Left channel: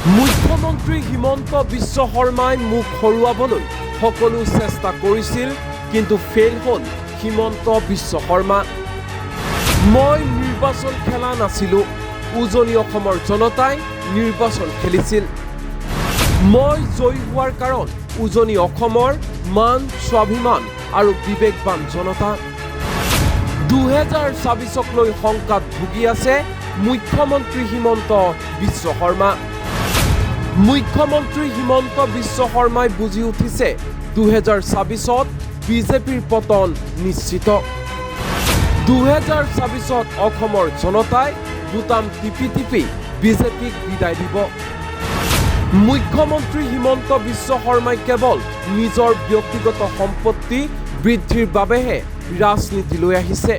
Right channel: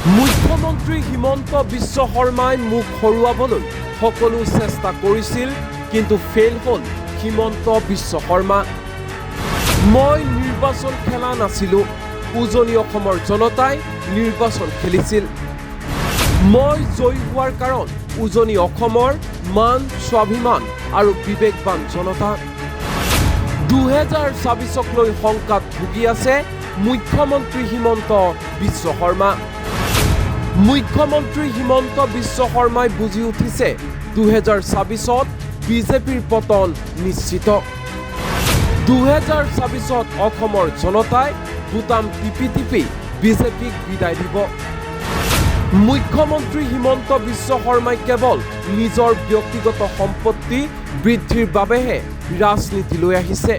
মুখ্যমন্ত্ৰী হিমন্ত বিশ্ব শৰ্মাই মুখ হৰুৱাবলৈ সকলো চেষ্টা কৰিছিল, কিন্তু ফেইল হ'ল হিমন্ত বিশ্ব শৰ্মা। মই নিৰ্বাচন খেলা নাছিলোঁ, উজনি অসমৰ জনতাই নিৰ্বাচন খেলিছিল। মই জয়ী হোৱাৰ কাৰণ উজনি অসমৰ মান, স্বাভিমান আৰু বিবেকবান জনতা। 2024ক লৈ শংকাত ভুগি আছে মুখ্যমন্ত্ৰী হিমন্ত বিশ্ব শৰ্মা। মুখ্যমন্ত্ৰী হিমন্ত বিশ্ব শৰ্মাই বুজি উঠিছে 2024ত বিজেপিৰ পতন নিশ্চিত। 2024ত অসমৰ জনতাই বুটাম টিপি টিপি বিজেপিক বিদায় দিব। মুখ্যমন্ত্ৰী হিমন্ত বিশ্ব শৰ্মাই কেৱল নিজৰ ব্যক্তিগত সম্পত্তি বৃদ্ধিৰ বাবেহে ৰাজনীতি লৈ আহিছে।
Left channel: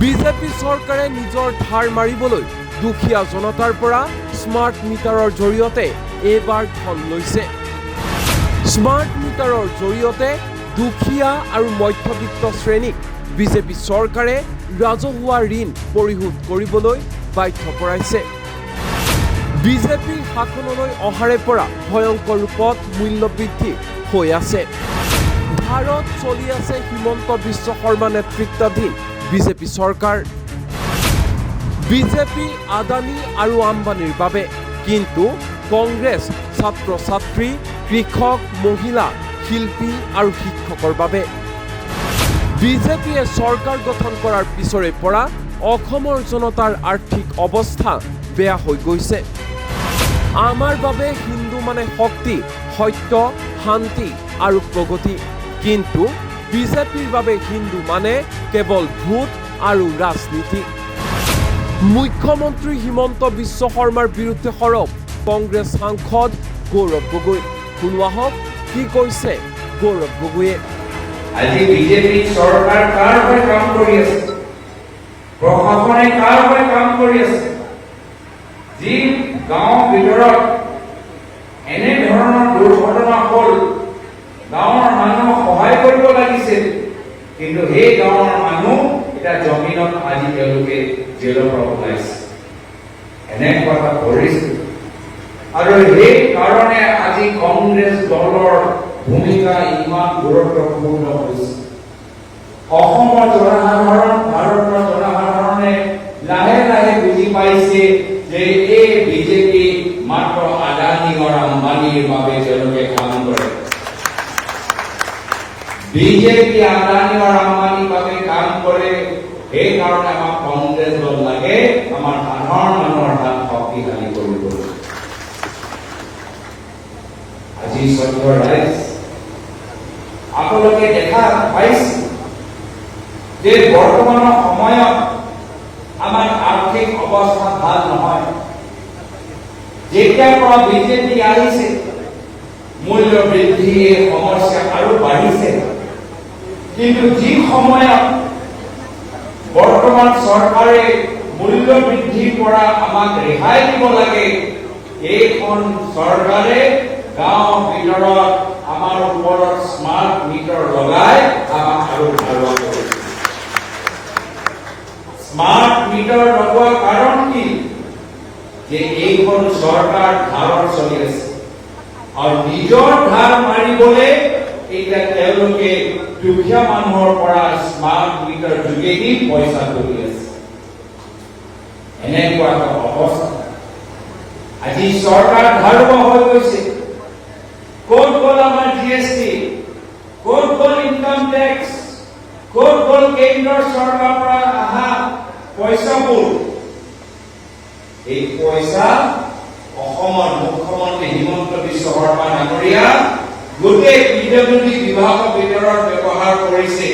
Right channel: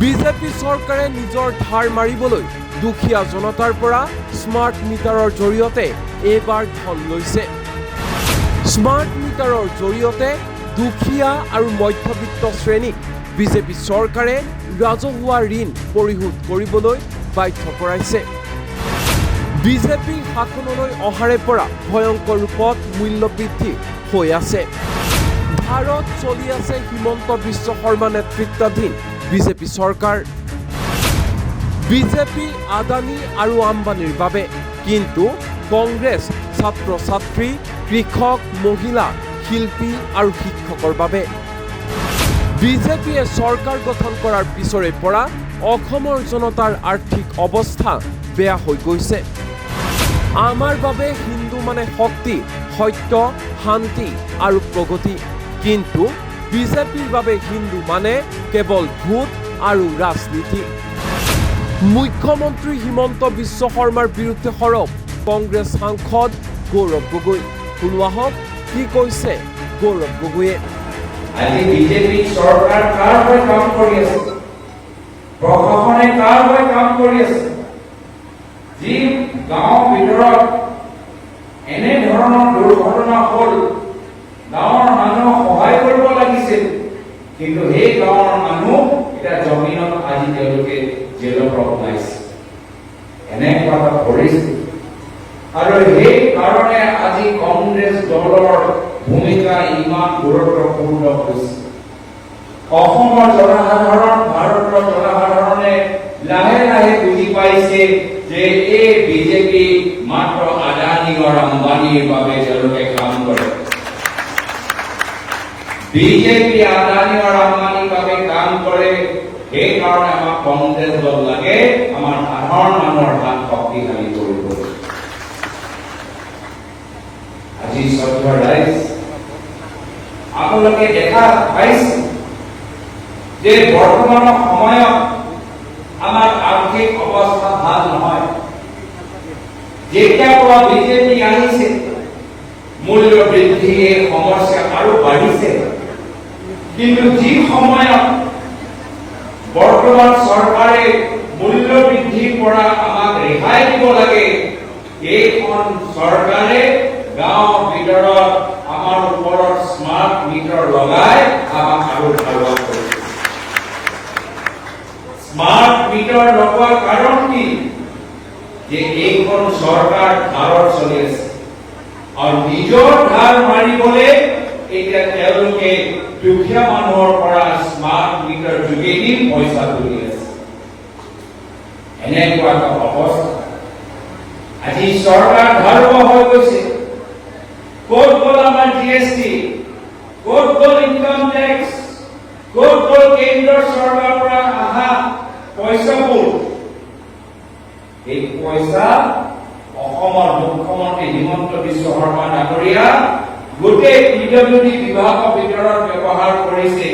বিজেপি চৰকাৰে নিজৰ ধাৰ মাৰিবলৈ দুখীয়া জনতাৰ পৰা স্মাৰ্ট মিটাৰৰ জৰিয়তে এইবাৰ ধন লৈছে। স্মাৰ্ট মিটাৰৰ জৰিয়তে দুখীয়া আৰু মধ্যবিত্ত শ্ৰেণীক বিজেপি চৰকাৰে ৰাজহুৱা ঋণ পৰিশোধ কৰিবলৈ বাধ্য কৰাইছে। বিজেপি শাসনলৈ অহাৰে পৰা ভয়ংকৰ ৰূপত মূল্যবৃদ্ধি হৈ আছে। ভাৰত চলি আছে হিমন্ত বিশ্ব শৰ্মা নেতৃত্বাধীন বিজেপি চৰকাৰ। বিজেপি আদানী আৰু আম্বানীৰ বাবে, কিন্তু কংগ্ৰেছ ছাত্ৰ ছাত্ৰী, কৃষক, মহিলা, শিল্পী আৰু শিক্ষকৰ বাবে। বিজেপিয়ে চৰকাৰ গঠন কৰাৰ পিছৰে পৰা অসমৰ জনতাৰ আৰ্থিক অৱস্থা বেয়া হৈ গৈছে। আমাৰ বাবে হিন্দু মানে শক্তি, সত্য, শান্তি আৰু প্ৰগতি, কিন্তু বিজেপিৰ বাবে হিন্দু মানে কেৱল ভোট আৰু ৰাজনীতি। মুখ্যমন্ত্ৰী হিমন্ত বিশ্ব শৰ্মাৰ বিৰুদ্ধে সৰব কংগ্ৰেছ সাংসদ গৌৰৱ গগৈ। শুনোৱা হওক কি কৈছে গৌৰৱ গগৈয়ে। আজি বিজেপি চৰকাৰ কাৰ হৈ কাম কৰি আছে, প্ৰশাসনে কাৰ হৈ কাম কৰি আছে। যি গাঁৱৰ ভিতৰত এনে ধৰণৰ দুৰ্ঘটনা হ'ল, গাঁৱৰ মানুহক সহায় কৰিব লাগিছিল, কিন্তু সেই গাঁৱৰ মানুহ এতিয়া জমিনত আজি তেওঁলোকে জেলৰ পৰা ওলাইছে। এনেকুৱা এটা পৰিস্থিতি, আৰু সেই কাৰণে আজি কংগ্ৰেছ দলৰ ভূমিকা ইমান গুৰুত্বপূৰ্ণ হৈছে। অসমৰ জনসাধাৰণ, ভাৰতৰ জনসাধাৰণে লাহে লাহে বুজি পাইছে যে এই বিজেপি মাত্ৰ আদানী আৰু আম্বানীৰ বাবে তেওঁলোকে কাম কৰে। বিজেপি আদানী আৰু আম্বানীৰ বাবে কাম কৰে, সেইকাৰণে আমাক কংগ্ৰেছ দল লাগে, আমাৰ সাধাৰণ মানুহৰ হাত শক্তিশালী কৰিবলৈ। আজি সত্য ৰাইজ, আপোনালোকে দেখা পাইছে যে বৰ্তমানৰ সময়ত আমাৰ আৰ্থিক অৱস্থা ভাল নহয়। যেতিয়াৰ পৰা বিজেপি আহিছে, মূল্য বৃদ্ধিৰ সমস্যা আৰু বাঢ়িছে। কিন্তু যি সময়ত বৰ্তমান চৰকাৰে মূল্য বৃদ্ধিৰ পৰা আমাক ৰেহাই দিব লাগে, এইখন চৰকাৰে গাঁও ভিতৰত আমাৰ ওপৰত স্মাৰ্ট মিটাৰ লগাই আমাক আৰু ধাৰুৱা কৰিছে। স্মাৰ্ট মিটাৰ লগোৱাৰ কাৰণ কি? যে এইখন চৰকাৰ ধাৰত চলি আছে, আৰু নিজৰ ধাৰ মাৰিবলৈ এতিয়া তেওঁলোকে দুখীয়া মানুহৰ পৰা স্মাৰ্ট মিটাৰ যোগেদি পইচা তুলি আছে। এনেকুৱা এটা অৱস্থা আজি চৰকাৰ ধাৰুৱা হৈ গৈছে। ক'ত গ'ল আমাৰ GST, ক'ত গ'ল ইনকাম টেক্স, ক'ত গ'ল কেন্দ্ৰৰ চৰকাৰৰ পৰা অহা পইচাবোৰ? এই পইচা অসমৰ মুখ্যমন্ত্ৰী হিমন্ত বিশ্ব শৰ্মা ডাঙৰীয়া গোটেই PWD বিভাগৰ ভিতৰত ব্যৱহাৰ কৰিছে,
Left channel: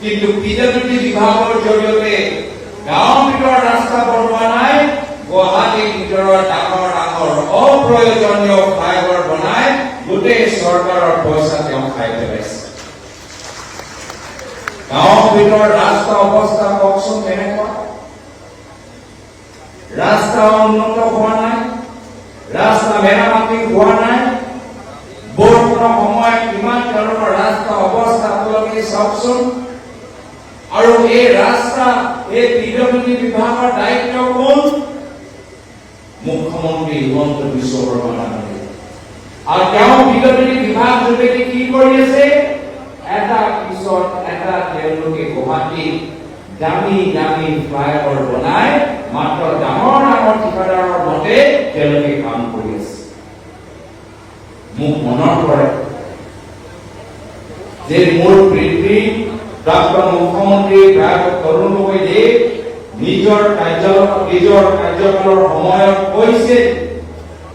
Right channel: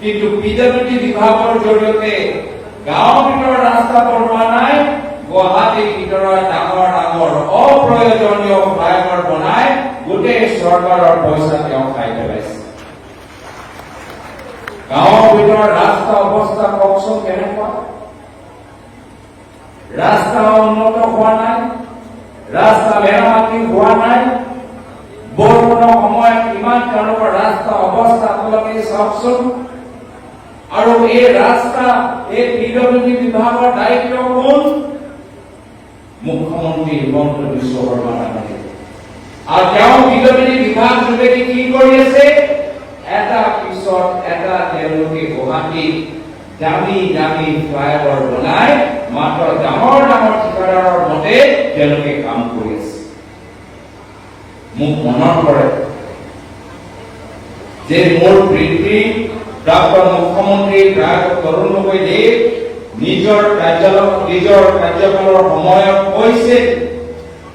কিন্তু PWD বিভাগৰ জৰিয়তে গাঁও ভিতৰত ৰাস্তা বনোৱা নাই, গুৱাহাটীৰ ভিতৰত ডাঙৰ ডাঙৰ অপ্ৰয়োজনীয় ফ্লাইঅভাৰ বনাই গোটেই চৰকাৰৰ পইচা তেওঁ খাই পেলাইছে। গাঁৱৰ ভিতৰত ৰাস্তা অৱস্থা কওকচোন কেনেকুৱা? ৰাস্তা উন্নত হোৱা নাই, ৰাস্তা মেৰামতি হোৱা নাই। বৰষুণৰ সময়ত কিমান ধৰণৰ ৰাস্তা অৱস্থা আপোনালোকে চাওকচোন। আৰু এই ৰাস্তা, এই PWD বিভাগৰ দায়িত্ব কোন? মুখ্যমন্ত্ৰী হিমন্ত বিশ্ব শৰ্মা ডাঙৰীয়া। আৰু তেওঁ বিজেপি বিভাগ যোগেদি কি কৰি আছে, এটা পিছত এটা তেওঁলোকে গুৱাহাটীত দামী দামী ফ্লাইঅভাৰ বনাই মাত্ৰ ডাঙৰ ডাঙৰ ঠিকাদাৰৰ মতে তেওঁলোকে কাম কৰি আছে। মোক মনত পৰে যে মোৰ পিতৃ প্ৰাক্তন মুখ্যমন্ত্ৰী তৰুণ গগৈয়ে নিজৰ কাৰ্যকালৰ সময়ত কৈছে,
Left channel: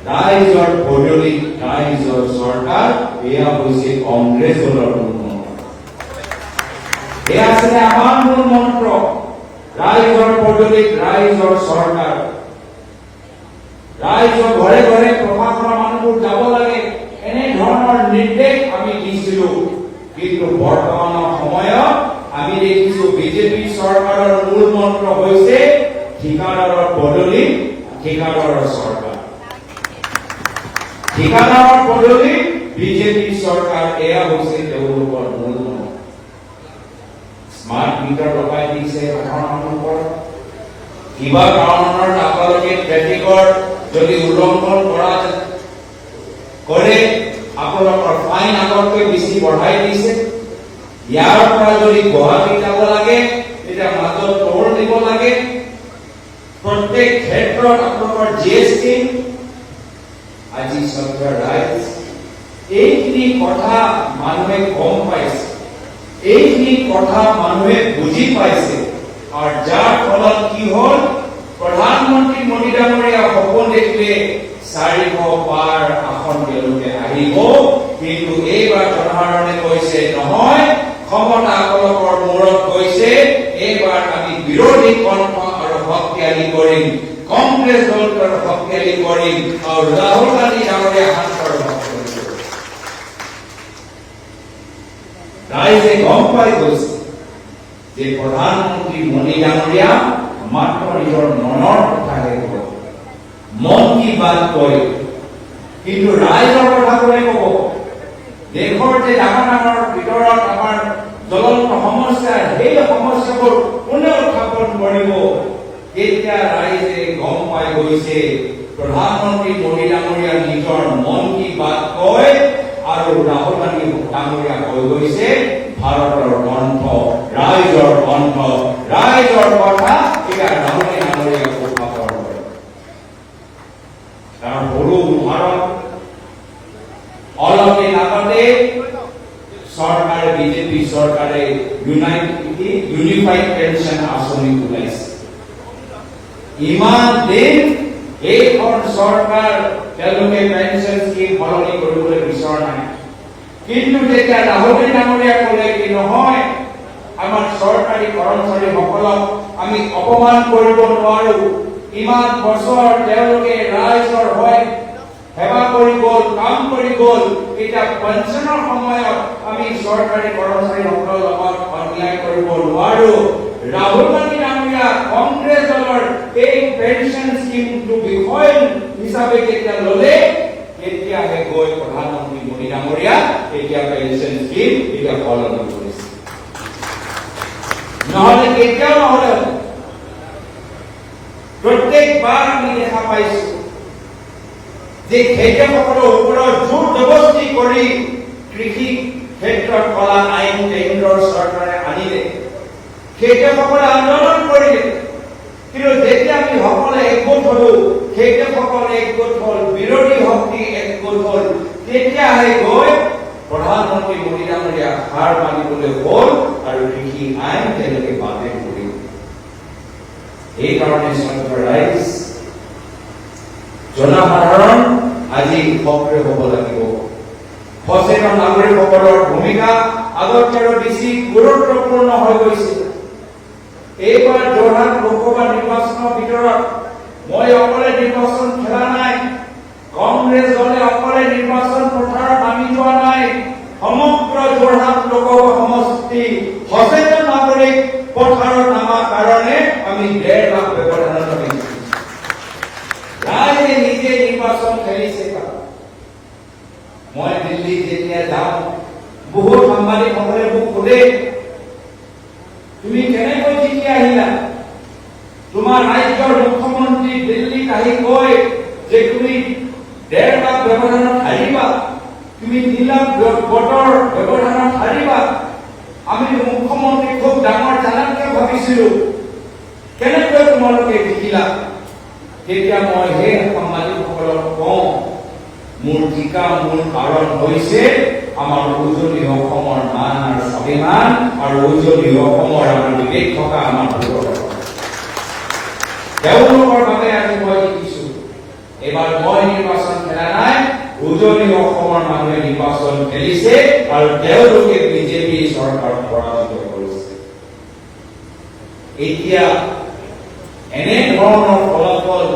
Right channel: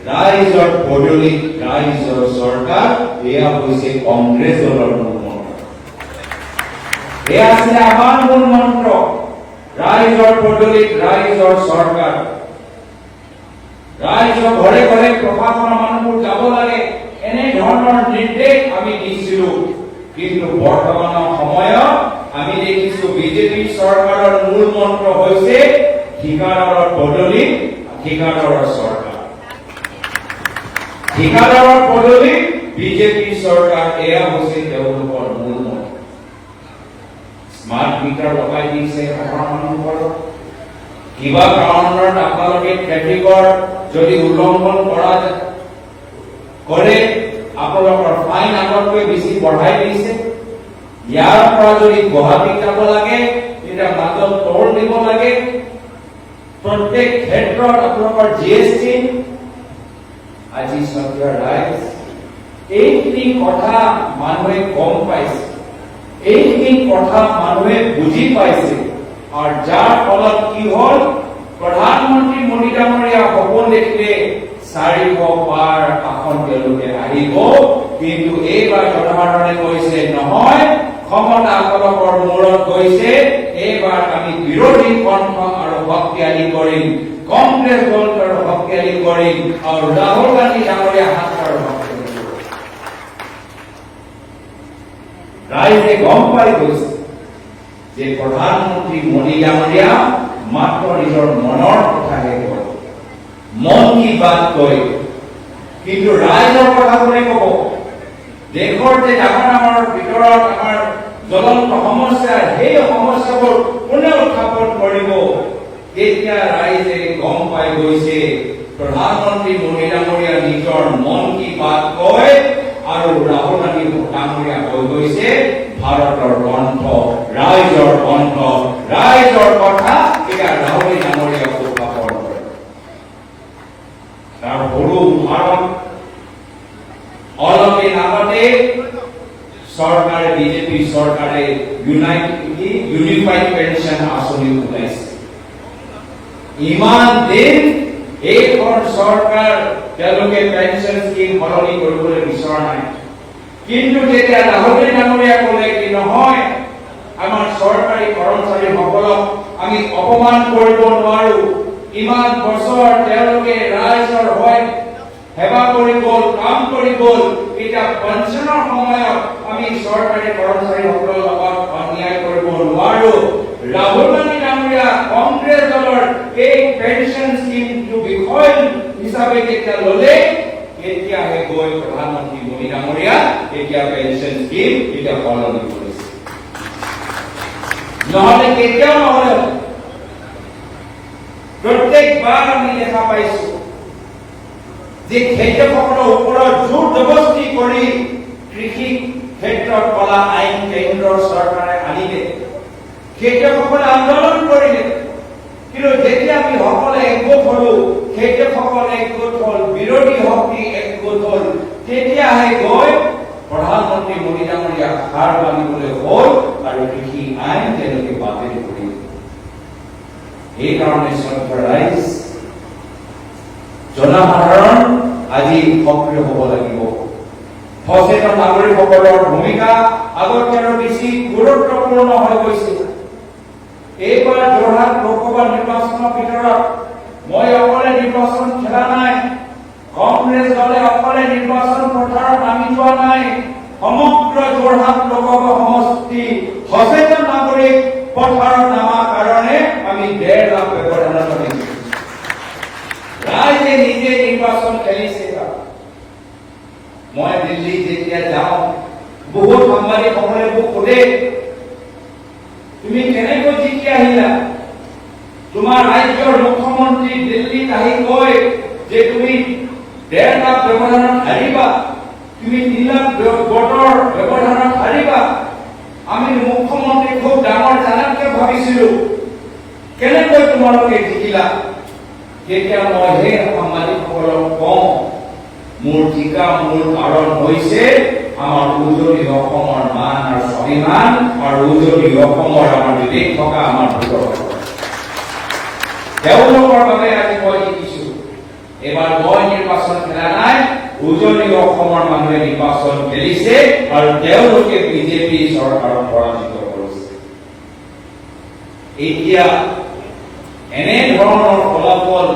ৰাইজৰ পদূলিত ৰাইজৰ চৰকাৰ, এয়া হৈছে কংগ্ৰেছ দলৰ মূল মন্ত্ৰ। এয়া আছিলে আমাৰ মূল মন্ত্ৰ, ৰাইজৰ পদূলিত ৰাইজৰ চৰকাৰ। ৰাইজৰ ঘৰে ঘৰে প্ৰশাসনৰ মানুহবোৰ যাব লাগে, এনে ধৰণৰ নিৰ্দেশ আমি দিছিলো। কিন্তু বৰ্তমানৰ সময়ত আমি দেখিছো বিজেপি চৰকাৰৰ মূল মন্ত্ৰ হৈছে ঠিকাদাৰৰ পদূলিত ঠিকাদাৰৰ চৰকাৰ। ঠিকাদাৰৰ পদূলিত বিজেপি চৰকাৰ, এয়া হৈছে তেওঁলোকৰ মূল মন্ত্ৰ। স্মাৰ্ট মিটাৰ লগাই দিছে মানুহৰ, কিবা কাৰণত আপোনালোকে ট্ৰেফিকৰ যদি উল্লংঘন কৰে আপোনালোকৰ ফাইন আগতকৈ বেছি বঢ়াই দিছে। ইয়াৰ পৰা যদি গুৱাহাটীত যাব লাগে তেতিয়া মাজত টোল দিব লাগে। প্ৰত্যেক ক্ষেত্ৰত আপোনালোকৰ GST। আজি চৰকাৰ ৰাইজ এইখিনি কথা মানুহে গম পাইছে, এইখিনি কথা মানুহে বুজি পাইছে। আৰু যাৰ ফলত কি হ'ল, প্ৰধানমন্ত্ৰী মোদী ডাঙৰীয়া সপোন দেখিলে 400 পাৰ আসন তেওঁলোকে আহিব। কিন্তু এইবাৰ জনসাধাৰণে কৈছে নহয়, ক্ষমতা আকলকৰ মূৰত কৈছে এইবাৰ আমি বিৰোধী কণ্ঠ আৰু শক্তিশালী কৰিম, কংগ্ৰেছ দলক আৰু শক্তিশালী কৰিম, আৰু ৰাহুল গান্ধী ডাঙৰীয়া হাত আৰু শক্তিশালী কৰিম। ৰাইজে গম পাই গৈছে যে প্ৰধানমন্ত্ৰী মোদী ডাঙৰীয়া মাত্ৰ নিজৰ মনৰ কথাহে কয়, মন কি বাত কয়, কিন্তু ৰাইজৰ কথাবোৰে ক'ব। দেশৰ যে ডাঙৰ ডাঙৰ ভিতৰত আমাৰ জ্বলন্ত সমস্যা, সেই সমস্যাবোৰ কোনে উত্থাপন কৰিব, তেতিয়া ৰাইজে গম পাই গৈছে প্ৰধানমন্ত্ৰী মোদী ডাঙৰীয়া নিজৰ মন কি বাত কয়, আৰু ৰাহুল গান্ধী ডাঙৰীয়া কৈ গৈছে ভাৰতৰ কণ্ঠ, ৰাইজৰ কণ্ঠ, ৰাইজৰ কথা। এতিয়া ৰাহুল ডাঙৰীয়া উত্থাপন কৰে। তাৰ সৰু উদাহৰণ, অলপ দিন আগতে চৰকাৰে, বিজেপি চৰকাৰে ইউনিফাইড পেঞ্চন আঁচনি ওলাইছে। ইমান দিন এইখন চৰকাৰ তেওঁলোকে পেঞ্চন স্কিম সলনি কৰিবলৈ বিচৰা নাই। কিন্তু যেতিয়া ৰাহুল ডাঙৰীয়া ক'লে কি নহয়, আমাৰ চৰকাৰী কৰ্মচাৰীসকলক আমি অপমান কৰিব নোৱাৰো, ইমান বছৰ তেওঁলোকে ৰাইজৰ হৈ সেৱা কৰি গ'ল, কাম কৰি গ'ল, এতিয়া পেঞ্চনৰ সময়ত আমি চৰকাৰী কৰ্মচাৰীসকলৰ লগত অন্যায় কৰিব নোৱাৰো। ৰাহুল গান্ধী ডাঙৰীয়া কংগ্ৰেছ দলৰ এই পেঞ্চন স্কিমটো বিষয় হিচাপে যেতিয়া ল'লে, তেতিয়াহে গৈ প্ৰধানমন্ত্ৰী মোদী ডাঙৰীয়া এতিয়া পেঞ্চন স্কিম এতিয়া সলনি কৰিছে। নহ'লে কেতিয়াও নহ'লে প্ৰত্যেকবাৰ আমি দেখা পাইছো যে খেতিয়কসকলৰ ওপৰত জোৰ জবস্তি কৰি কৃষি ক্ষেত্ৰত কলা আইন কেন্দ্ৰৰ চৰকাৰে আনিলে, খেতিয়কসকলে আন্দোলন কৰিলে। কিন্তু যেতিয়া আমি সকলে একগোট হলো, খেতিয়কসকলে একগোট হল, বিৰোধী শক্তি একগোট হল, তেতিয়াহে গৈ প্ৰধানমন্ত্ৰী মোদী ডাঙৰীয়া হাৰ মানিবলৈ হ'ল আৰু কৃষি আইন তেওঁলোকে বাতিল কৰিলে। এইকাৰণে চৰকাৰ ৰাইজ জনসাধাৰণ আজি সক্ৰিয় হ'ব লাগিব। সচেতন নাগৰিকসকলৰ ভূমিকা আগতকৈ বেছি গুৰুত্বপূৰ্ণ হৈ গৈছে। এইবাৰ যোৰহাট লোকসভা নিৰ্বাচনৰ ভিতৰত মই অকলে নিৰ্বাচন খেলা নাই, কংগ্ৰেছ দলে অকলে নিৰ্বাচন পথাৰত নামি যোৱা নাই। সমগ্ৰ যোৰহাট লোকসভা সমষ্টি সচেতন নাগৰিক পথাৰত নামাৰ কাৰণে আমি 1.5 লাখ ব্যৱধান দিছো। ৰাইজে নিজে নিৰ্বাচন খেলিছে। মই দিল্লীত যেতিয়া যাওঁ, বহুত সাংবাদিকসকলে মোক সোধে, তুমি কেনেকৈ জিকি আহিলা? তোমাৰ ৰাজ্যৰ মুখ্যমন্ত্ৰী দিল্লীত আহি কৈ যে তুমি 1.5 লাখ ব্যৱধানত হাৰিবা, তুমি 3 লাখ ভোটৰ ব্যৱধানত হাৰিবা। আমি মুখ্যমন্ত্ৰী খুব ডাঙৰ জানাকৈ ভাবিছিলো, কেনেকৈ তোমালোকে জিকিলা? তেতিয়া মই সেই সাংবাদিকসকলক কওঁ, মোৰ জিকা মূল কাৰণ হৈছে আমাৰ উজনি অসমৰ মান আৰু স্বাভিমান আৰু উজনি অসমৰ আমাৰ বিবেক থকা আমাৰ ভোটৰ। তেওঁলোকৰ বাবে আজি মই দেখিছো এবাৰ মই নিৰ্বাচন খেলা নাই, উজনি অসমৰ মানুহে নিৰ্বাচন খেলিছে আৰু তেওঁলোকে বিজেপি চৰকাৰক পৰাজিত কৰিছে। এতিয়া এনে ধৰণৰ ফলাফল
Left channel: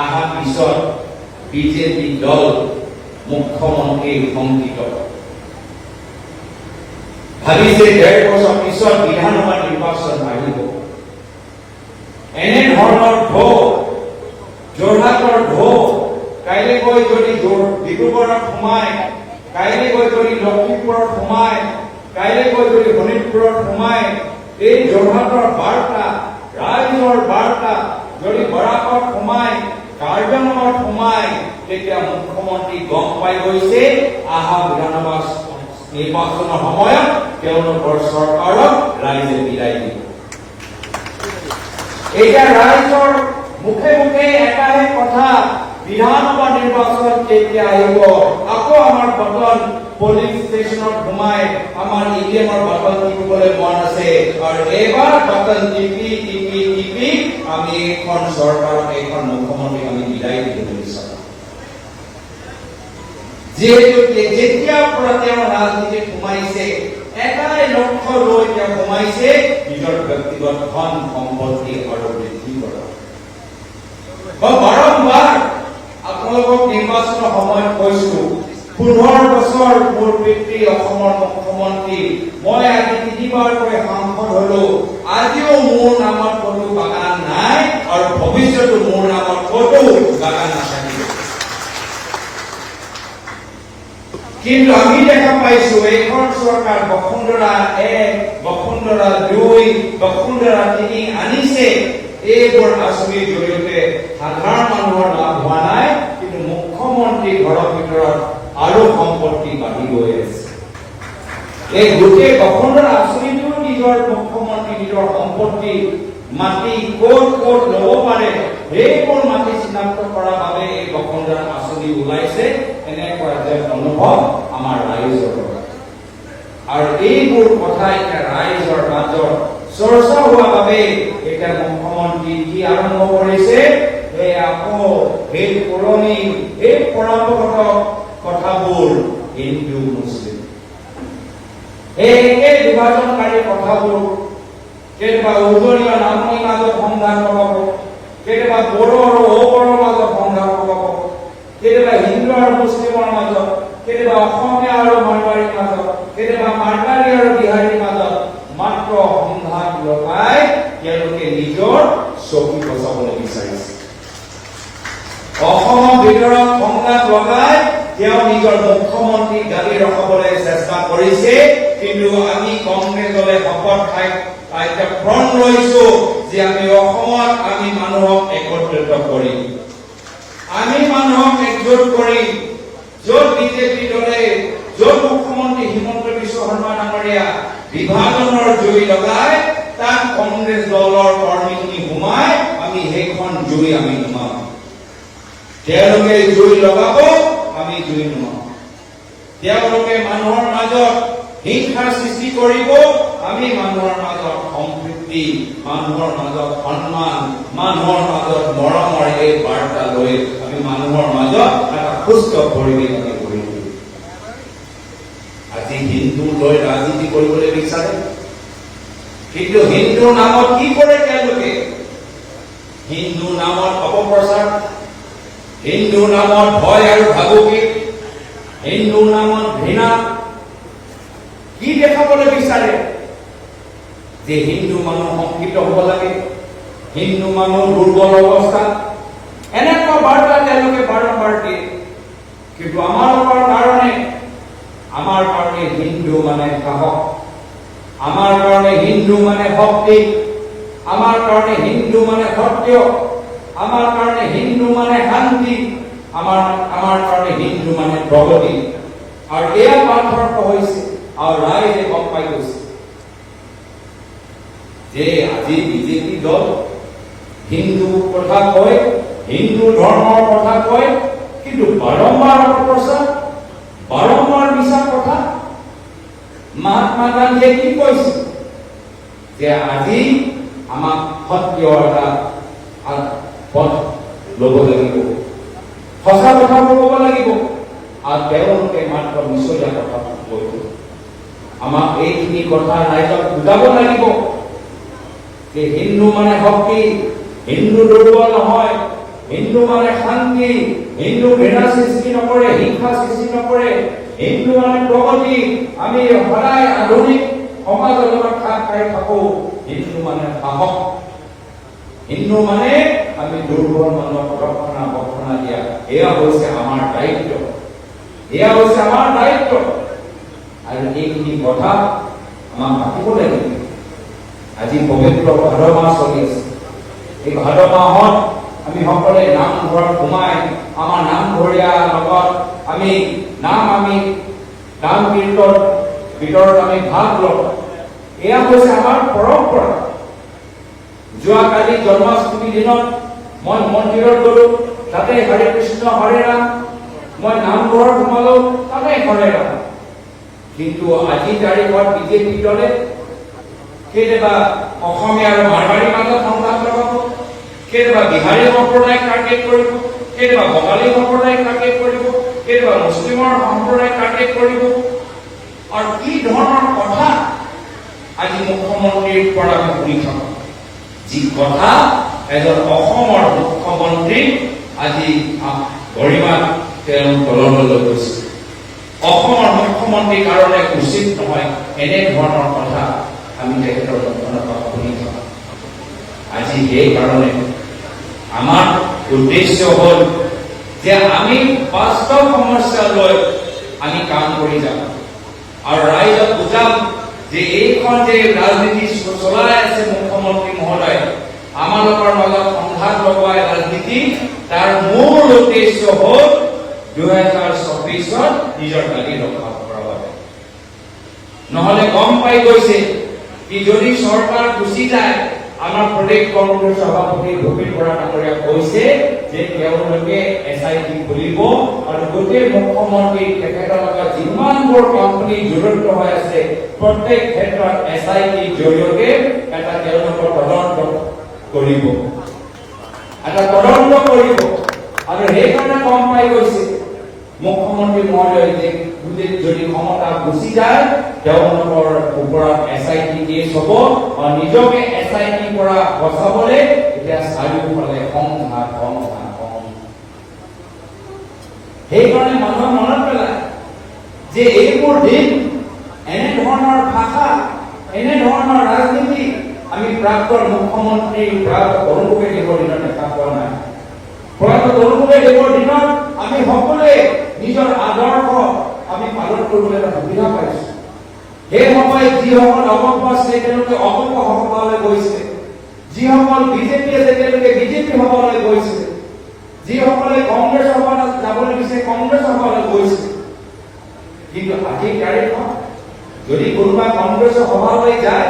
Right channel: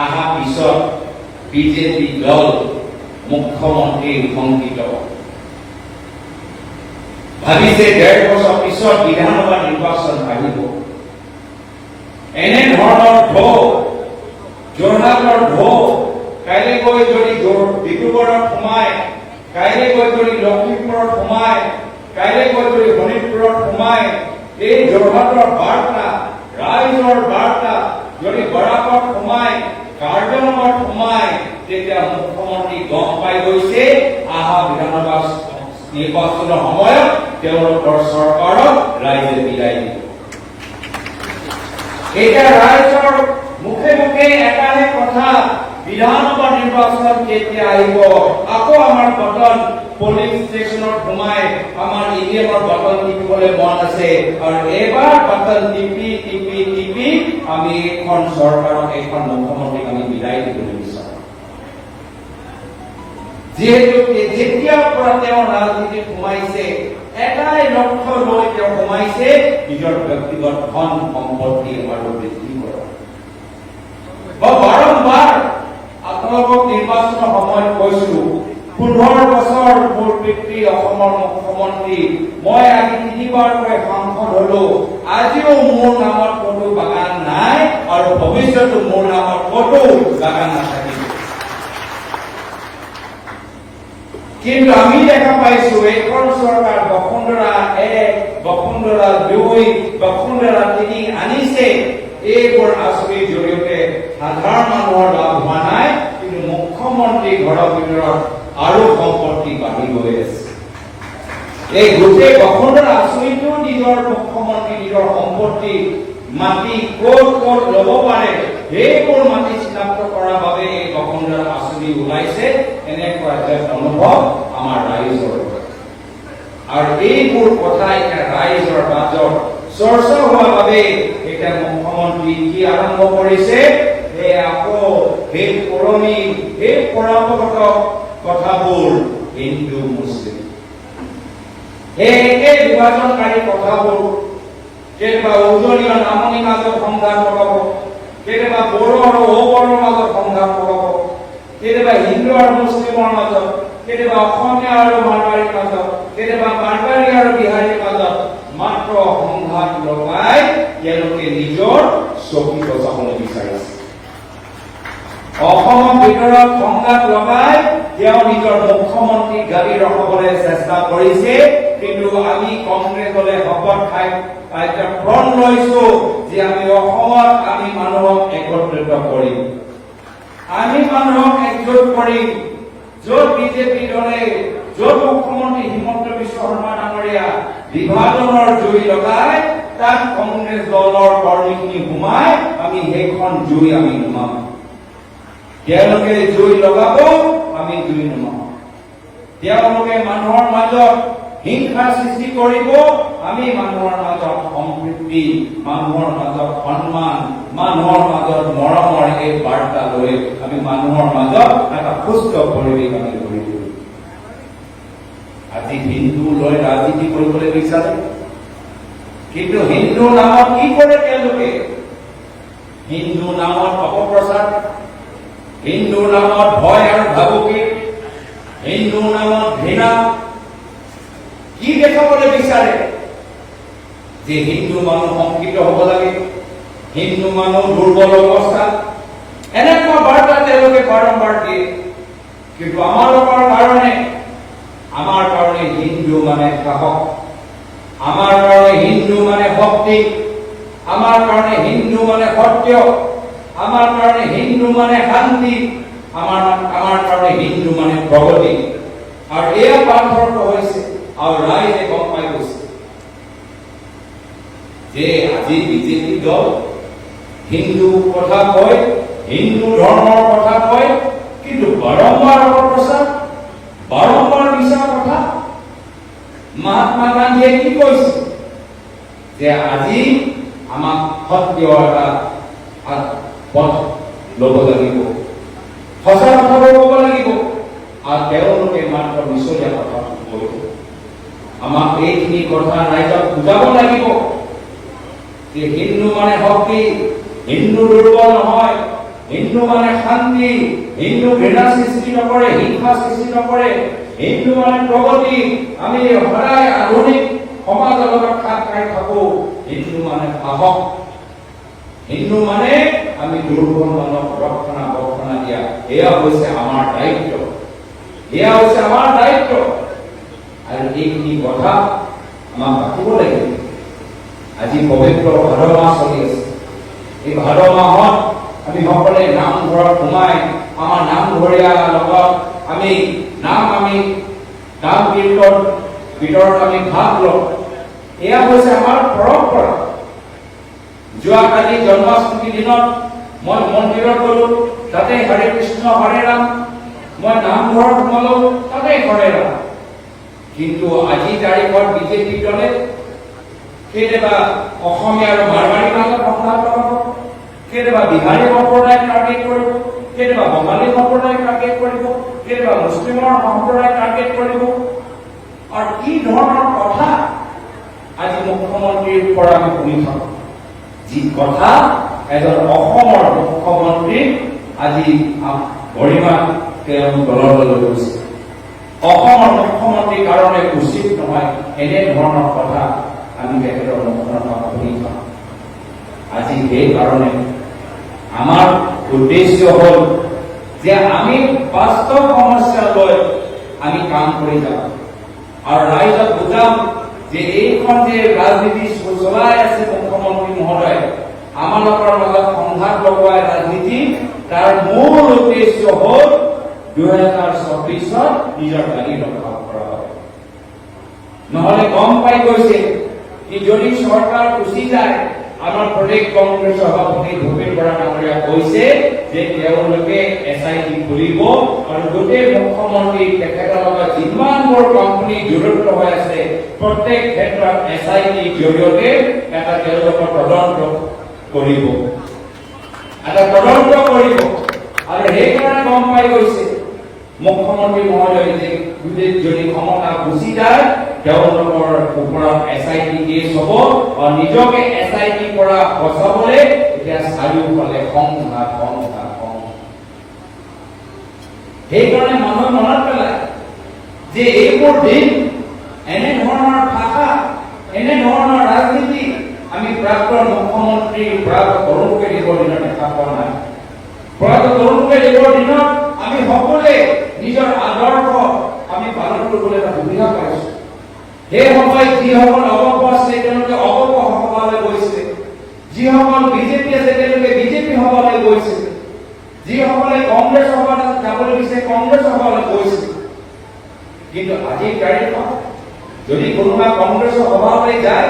অহাৰ পিছত বিজেপি দল মুখ্যমন্ত্ৰী শংকিত ভাবিছে 1.5 বছৰ পিছত বিধানসভা নিৰ্বাচন আহিব। এনে ধৰণৰ ঢৌ, যোৰহাটৰ ঢৌ কাইলৈ গৈ যদি ডিব্ৰুগড়ত সোমায়, কাইলৈ গৈ যদি লখিমপুৰত সোমায়, কাইলৈ গৈ যদি শোণিতপুৰত সোমায়, এই যোৰহাটৰ বাৰ্তা, ৰাইজৰ বাৰ্তা যদি বৰাকত সোমায়, কাৰ্যনগৰত সোমায়, তেতিয়া মুখ্যমন্ত্ৰী গম পাই গৈছে অহা বিধানসভা নিৰ্বাচনৰ সময়ত তেওঁলোকৰ চৰকাৰক ৰাইজে বিদায় দিব। এতিয়া ৰাইজৰ মুখে মুখে এটাহে কথা, বিধানসভা নিৰ্বাচন কেতিয়া আহিব? আকৌ আমাৰ বটন পুলিং ষ্টেচনত সোমাই আমাৰ ইভিএমৰ বটন টিপিবলৈ মন আছে, আৰু এইবাৰ বটন টিপি টিপি টিপি আমি এইখন চৰকাৰক, এইখন মুখ্যমন্ত্ৰীক আমি বিদায় দিব বিচাৰো। যিহেতু যেতিয়াৰ পৰা তেওঁ ৰাজনীতিত সোমাইছে, এটাই লক্ষ্য লৈ তেওঁ সোমাইছে, নিজৰ ব্যক্তিগত ধন সম্পত্তি আৰু বৃদ্ধি কৰা। মই বাৰম্বাৰ আপোনালোকক নিৰ্বাচনৰ সময়ত কৈছো, 15 বছৰ মোৰ পিতৃ অসমৰ মুখ্যমন্ত্ৰী, মই আজি 3বাৰকৈ সাংসদ হলো, আজিও মোৰ নামত ক'তো বাগান নাই আৰু ভৱিষ্যতো মোৰ নামত ক'তো বাগান নাথাকিব। কিন্তু আমি দেখা পাইছো এইখন চৰকাৰ বসুন্ধৰা 1, বসুন্ধৰা 2, বসুন্ধৰা 3 আনিছে। এইবোৰ আঁচনিৰ জৰিয়তে সাধাৰণ মানুহৰ লাভ হোৱা নাই, কিন্তু মুখ্যমন্ত্ৰীৰ ঘৰৰ ভিতৰত আৰু সম্পত্তি বাঢ়ি গৈ আছে। এই গোটেই বসুন্ধৰা আঁচনিটো নিজৰ মুখ্যমন্ত্ৰী নিজৰ সম্পত্তি মাটি ক'ত ক'ত ল'ব পাৰে সেইবোৰ মাটি চিনাক্ত কৰাৰ বাবে এই বসুন্ধৰা আঁচনি ওলাইছে, এনেকুৱা এটা অনুভৱ আমাৰ ৰাইজৰ। আৰু এইবোৰ কথা এতিয়া ৰাইজৰ মাজত চৰ্চা হোৱাৰ বাবে এতিয়া মুখ্যমন্ত্ৰী কি আৰম্ভ কৰিছে, আকৌ সেই পুৰণি সেই পৰম্পৰাগত কথাবোৰ হিন্দু মুছলিম এই একে বিভাজনকাৰী কথাবোৰ কেতিয়াবা উজনি আৰু নামনিৰ মাজত সংঘাত লগাব, কেতিয়াবা বড়ো আৰু অবড়োৰ মাজত সংঘাত লগাব, কেতিয়াবা হিন্দু আৰু মুছলিমৰ মাজত, কেতিয়াবা অসমীয়া আৰু মাৰোৱাৰীৰ মাজত, কেতিয়াবা মাৰোৱাৰী আৰু বিহাৰীৰ মাজত মাত্ৰ সংঘাত লগাই তেওঁলোকে নিজৰ চকী বচাবলৈ বিচাৰিছে। অসমৰ ভিতৰত সংঘাত লগাই তেওঁ নিজৰ মুখ্যমন্ত্ৰী গাড়ী ৰখাবলৈ চেষ্টা কৰিছে, কিন্তু আমি কংগ্ৰেছ দলে শপত খাই এতিয়া প্ৰণ লৈছো যে আমি অসমত আমি মানুহক একত্ৰিত কৰিম, আমি মানুহক একজোট কৰিম। য'ত বিজেপি দলে, য'ত মুখ্যমন্ত্ৰী হিমন্ত বিশ্ব শৰ্মা ডাঙৰীয়া বিভাজনৰ জুই লগাই, তাত কংগ্ৰেছ দলৰ কৰ্মীখিনি সোমাই আমি সেইখন জুই আমি নুমাম। তেওঁলোকে জুই লগাব, আমি জুই নুমাম। তেওঁলোকে মানুহৰ মাজত হিংসাৰ সৃষ্টি কৰিব, আমি মানুহৰ মাজত সম্প্ৰীতি, মানুহৰ মাজত সন্মান, মানুহৰ মাজত মৰমৰ এই বাৰ্তা লৈ আমি মানুহৰ মাজত এটা সুস্থ পৰিৱেশ আমি গঢ়ি তুলিম। আজি হিন্দু লৈ ৰাজনীতি কৰিবলৈ বিচাৰে, কিন্তু হিন্দু নামত কি কৰে তেওঁলোকে? হিন্দু নামত অপপ্ৰচাৰ, হিন্দু নামত ভয় আৰু ভাবুকি, হিন্দু নামত ঘৃণা। কি দেখাবলৈ বিচাৰে? যে হিন্দু মানুহ শংকিত হ'ব লাগে, হিন্দু মানুহ দুৰ্বল অৱস্থা, এনেকুৱা বাৰ্তা তেওঁলোকে বাৰম্বাৰ দিয়ে। কিন্তু আমাৰ কাৰণে হিন্দু মানে সাহস, আমাৰ কাৰণে হিন্দু মানে ভক্তি, আমাৰ কাৰণে হিন্দু মানে সত্য, আমাৰ কাৰণে হিন্দু মানে শান্তি, আমাৰ কাৰণে হিন্দু মানে প্ৰগতি আৰু এয়া পাৰ্থক্য হৈছে আৰু ৰাইজে গম পাই গৈছে যে আজি বিজেপি দল হিন্দু কথা কয়, হিন্দু ধৰ্মৰ কথা কয়, কিন্তু বাৰম্বাৰ অপপ্ৰচাৰ, বাৰম্বাৰ মিছা কথা। মহাত্মা গান্ধীয়ে কি কৈছে যে আজি আমাক সত্য এটা পথ ল'ব লাগিব, সঁচা কথাবোৰ ক'ব লাগিব, আৰু তেওঁলোকে মাত্ৰ মিছলীয়া কথা কৈ আমাক এইখিনি কথা ৰাইজক বুজাব লাগিব যে হিন্দু মানে শক্তি, হিন্দু দুৰ্বল নহয়, হিন্দু মানে শান্তি, হিন্দু ঘৃণা সৃষ্টি নকৰে, হিংসা সৃষ্টি নকৰে, হিন্দু মানে প্ৰগতি। আমি সদায় আধুনিক সমাজৰ লগত খাপ খাই থাকো। হিন্দু মানে সাহস, হিন্দু মানে আমি দুৰ্বল মানুহক ৰক্ষণা দিয়া। এয়া হৈছে আমাৰ দায়িত্ব, এয়া হৈছে আমাৰ দায়িত্ব। আৰু এইখিনি কথা আমাক পাতিব লাগিব। আজি পবিত্ৰ ভাদ মাহ চলি আছে। এই ভাদ মাহত আমি সকলোৱে নামঘৰত সোমাই আমাৰ নামঘৰীয়া লগত আমি নাম কীৰ্তনত আমি ভাগ লওঁ। এয়া হৈছে আমাৰ পৰম্পৰা। যোৱাকালি জন্মাষ্টমীৰ দিনত মই মন্দিৰত গলো, তাতে হৰে কৃষ্ণ হৰে ৰাম, মই নামঘৰত সোমালো, তাতে হৰে ৰাম। কিন্তু আজিৰ তাৰিখত বিজেপি দলে কেতিয়াবা অসমীয়া আৰু মাৰৱাৰীৰ মাজত সংঘাত লগাব, কেতিয়াবা বিহাৰী সম্প্ৰদায়ক টাৰ্গেট কৰিব, কেতিয়াবা বঙালী সম্প্ৰদায়ক টাৰ্গেট কৰিব, কেতিয়াবা মুছলিমৰ সম্প্ৰদায়ক টাৰ্গেট কৰিব। আৰু কি ধৰণৰ কথা আজি মুখ্যমন্ত্ৰীৰ পৰা আমি শুনি থাকো, যি কথা এজন অসমৰ মুখ্যমন্ত্ৰীক আজি গৰিমা তেওঁ তললৈ লৈ গৈছে। অসমৰ মুখ্যমন্ত্ৰীৰ কাৰণে উচিত নহয় এনে ধৰণৰ কথা আমি তেখেতৰ মুখৰ পৰা শুনি থাকো। আজি সেইকাৰণে আমাৰ উদ্দেশ্য হ'ল যে আমি বাস্তৱ সমস্যা লৈ আমি কাম কৰি যাম আৰু ৰাইজক বুজাম যে এইখন যে ৰাজনীতি চলাই আছে মুখ্যমন্ত্ৰী মহোদয়, আমালোকৰ মাজত সংঘাত লগোৱা ৰাজনীতি, তাৰ মূল উদ্দেশ্য হ'ল 2024 নিজৰ দাবী ৰক্ষা কৰাৰ বাবে। নহলে গম পাই গৈছে কি যদি চৰকাৰ গুচি যায়, আমাৰ প্ৰদেশ কংগ্ৰেছ সভাপতি ভূপেন বৰা ডাঙৰীয়া কৈছে যে তেওঁলোকে SIT খুলিব আৰু গোটেই মুখ্যমন্ত্ৰী তেখেতৰ লগত যিমানবোৰ কোম্পানী জড়িত হৈ আছে প্ৰত্যেক ক্ষেত্ৰত SIT জৰিয়তে এটা তেওঁলোকৰ তদন্ত কৰিব, আৰু সেইকাৰণে গম পাই গৈছে মুখ্যমন্ত্ৰী মহোদয় যে যদি ক্ষমতা গুচি যায় তেওঁলোকৰ ওপৰত SIT কেছ হ'ব আৰু নিজকে SIT পৰা বচাবলৈ এতিয়া চাৰিওফালে সংঘাত। সেইকাৰণে মানুহে মনত পেলায় যে এইবোৰ দিন, এনে ধৰণৰ ভাষা, এনে ধৰণৰ ৰাজনীতি আমি প্ৰাক্তন মুখ্যমন্ত্ৰী প্ৰয়াত তৰুণ গগৈদেৱৰ দিনত দেখা পোৱা নাই। প্ৰয়াত তৰুণ গগৈদেৱৰ দিনত আমি সকলোৱে নিজৰ আদৰ্শ আমি পালন কৰিবলৈ এটা সুবিধা পাইছো। সেই সময়ত যিসকল অগপ আছে তেওঁলোকে অগপ সভালৈ গৈছিলে, যিসকল বিজেপি আছে তেওঁলোকে বিজেপি সভালৈ গৈছিলে, যিসকলে কংগ্ৰেছ সভালৈ যাবলৈ দিছে কংগ্ৰেছ সভালৈ গৈছিল। কিন্তু আজিৰ তাৰিখত যদি কোনোবা কংগ্ৰেছৰ সভালৈ যায়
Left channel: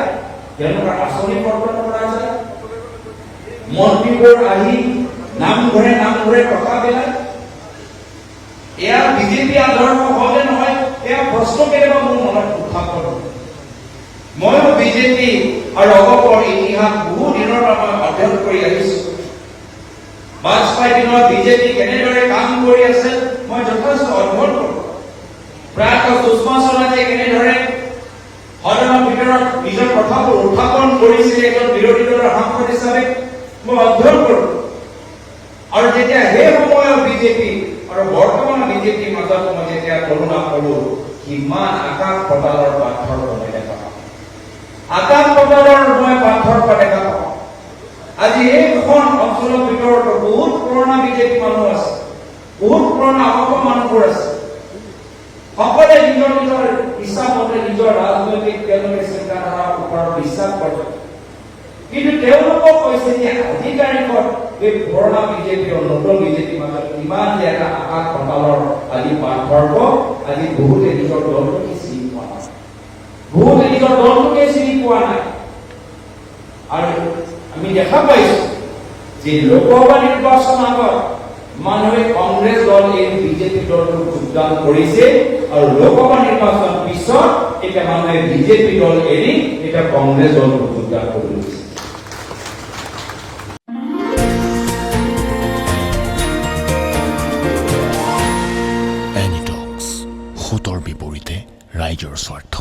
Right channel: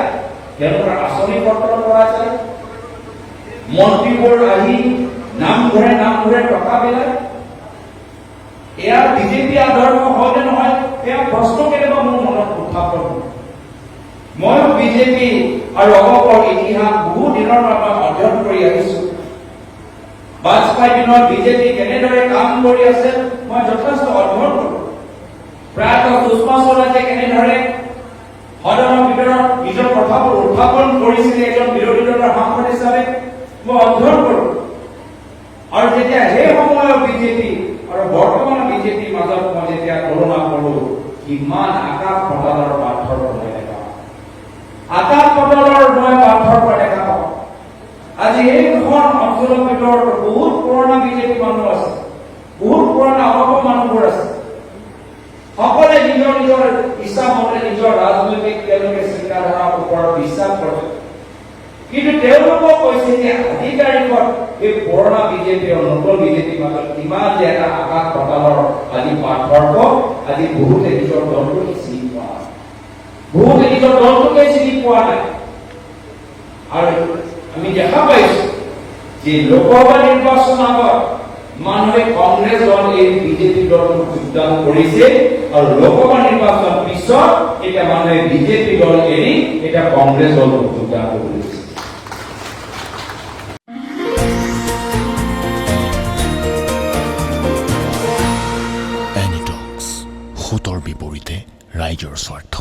তেওঁলোকৰ আঁচনি পত্ৰ কৰা যায়, মন্ত্ৰীবোৰ আহি নামঘৰে টকা পেলায়। এয়া বিজেপি আদৰ্শ হলে নহয়, এয়া প্ৰশ্ন কেতিয়াবা মোৰ মনত উত্থাপন হয়। ময়ো বিজেপি আৰু অগপৰ ইতিহাস বহু দিনৰ পৰা অধ্যয়ন কৰি আহিছো। বাজপেয়ীৰ দিনত বিজেপি কেনেদৰে কাম কৰি আছে মই যথেষ্ট অধ্যয়ন কৰো। প্ৰায়ত সুষমা স্বৰাজে কেনেদৰে সদনৰ ভিতৰত নিজৰ কথাবোৰ উত্থাপন কৰিছিলে এজন বিৰোধী দলৰ সাংসদ হিচাপে মই অধ্যয়ন কৰো। আৰু যেতিয়া সেই সময়ৰ বিজেপি আৰু বৰ্তমান বিজেপিৰ মাজত মই যেতিয়া তুলনা কৰো, কিমান আকাশ পাতালৰ পাৰ্থক্য দেখা পাওঁ। আকাশ পাতালৰ মই পাৰ্থক্য দেখা পাওঁ। আজি এই দুখন অঞ্চলৰ ভিতৰত বহুত পুৰণা বিজেপি মানুহ আছে, বহুত পুৰণা অগপ মানুহবোৰ আছে। সকলে নিজৰ ইচ্ছা মতে নিজৰ ৰাজনৈতিক তেওঁলোকে চিন্তাধাৰাৰ ওপৰত বিশ্বাস কৰে। কিন্তু তেওঁলোকক কৈছে যে আজিৰ তাৰিখত এই পুৰণা বিজেপি আৰু নতুন বিজেপিৰ মাজত কিমান যে এটা আঘাত পাতালৰ আজি পাৰ্থক্য আজি বহুতে নিজৰ দলটোকে চিনি পোৱা নাই, বহুতে নিজৰ দলটোকে চিনি পোৱা নাই। আৰু আমি দেখা পাইছো যে লোকসভা নিৰ্বাচন আগত মানুহে কংগ্ৰেছ দল এই বিজেপি দলটোক যোগদান কৰিছে আৰু লোকসভা নিৰ্বাচন পিছত এতিয়া মানুহে বিজেপি দল এৰি এতিয়া কংগ্ৰেছ দলটোক যোগদান কৰিছে। এনিটক্স, সোঁতৰ বিপৰীতে ৰাইজৰ স্বাৰ্থ।